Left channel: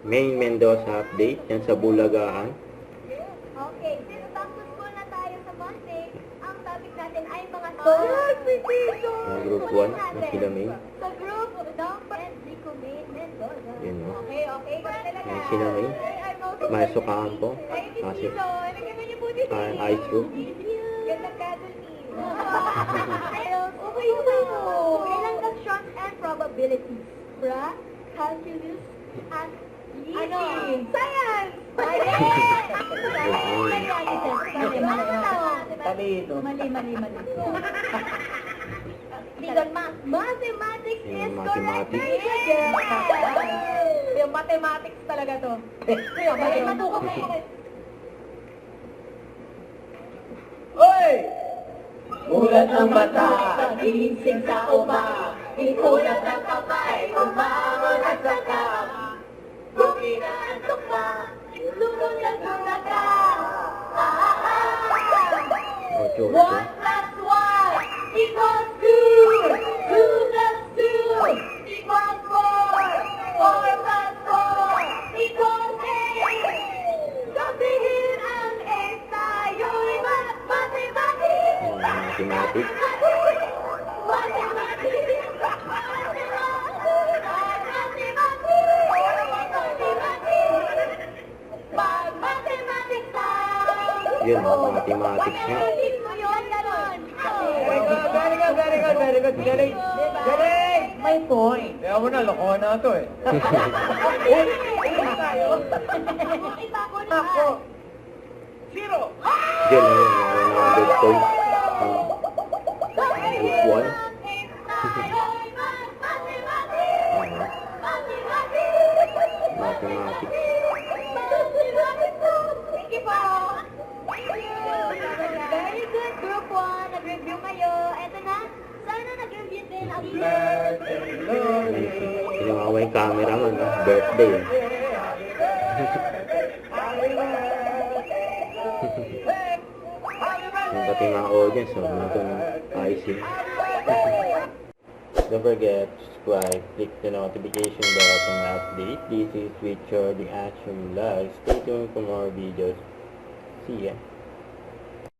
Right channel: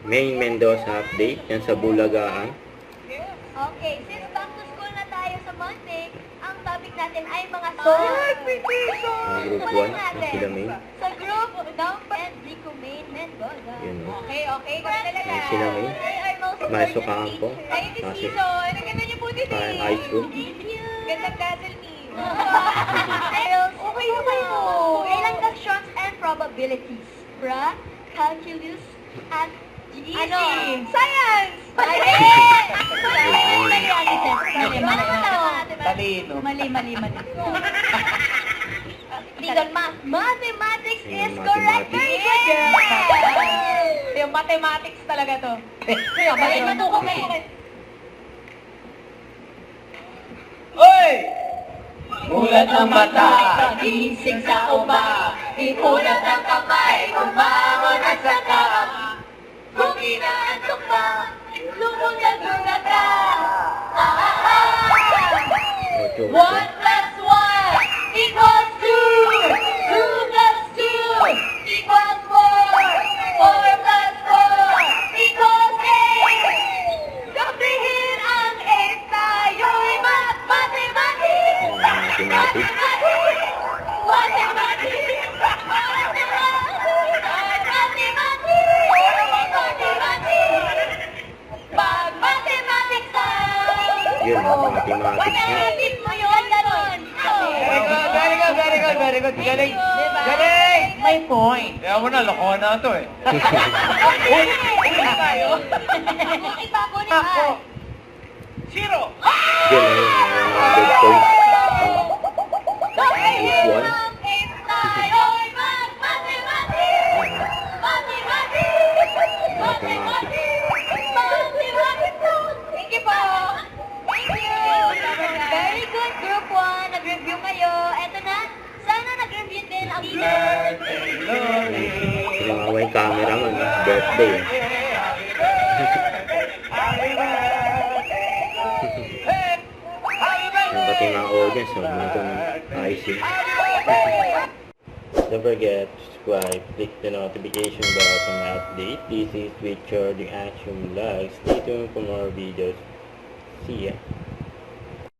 Main Mendoza update. Yan sa Bulagaan. Okay, since back to school na tayo sa Monday, ang topic natin ay mga songs. Ang group 1. Ang sila May. Sa group, Dump and Rico Main Mendoza. Yun. Okay, kami talaga. Ang sila May. They are most Masukangan ko. Ay, this Kasi season. Ang ganda niyo po din parang eh. high school. Thank you. Gandang cuddle me. Okay po. Ilang questions and probabilities? Calculus, at GEC. Ano? Science! Talino. Mali. Legal math. Mathematics is correct. Very good, girl. Yung mathematics talaga to. Balik na to kami. Oy! Ulat ng mata, gising sa umaga, ipulat ng kamay, umangon at sakap. Kung inaantok ka, lumundag ka. Ito. 1 plus 1 equals 2. 2 plus 2 equals 4. 4 plus 4 equals 8. Sabihin ang 8 tayo'y mathematics. Mathematics. Yun, mathematics na. Very good. Galing. May point. Kaya mo na, lokohan na ito eh. Ako. 0. Yun, mga dead points. Group 1. Mathematics. Thank you po. Thank you. Very good, Group 1. Nag-review kayo. Eto na. Sana nag-review din ang Yung may camera mo, birthday. Yung pati mga audience, huwag mo itong icing. Don't forget to subscribe, click the notification bell for my update. This is Richard, the Action Vlog. Stay tuned for more videos. See ya.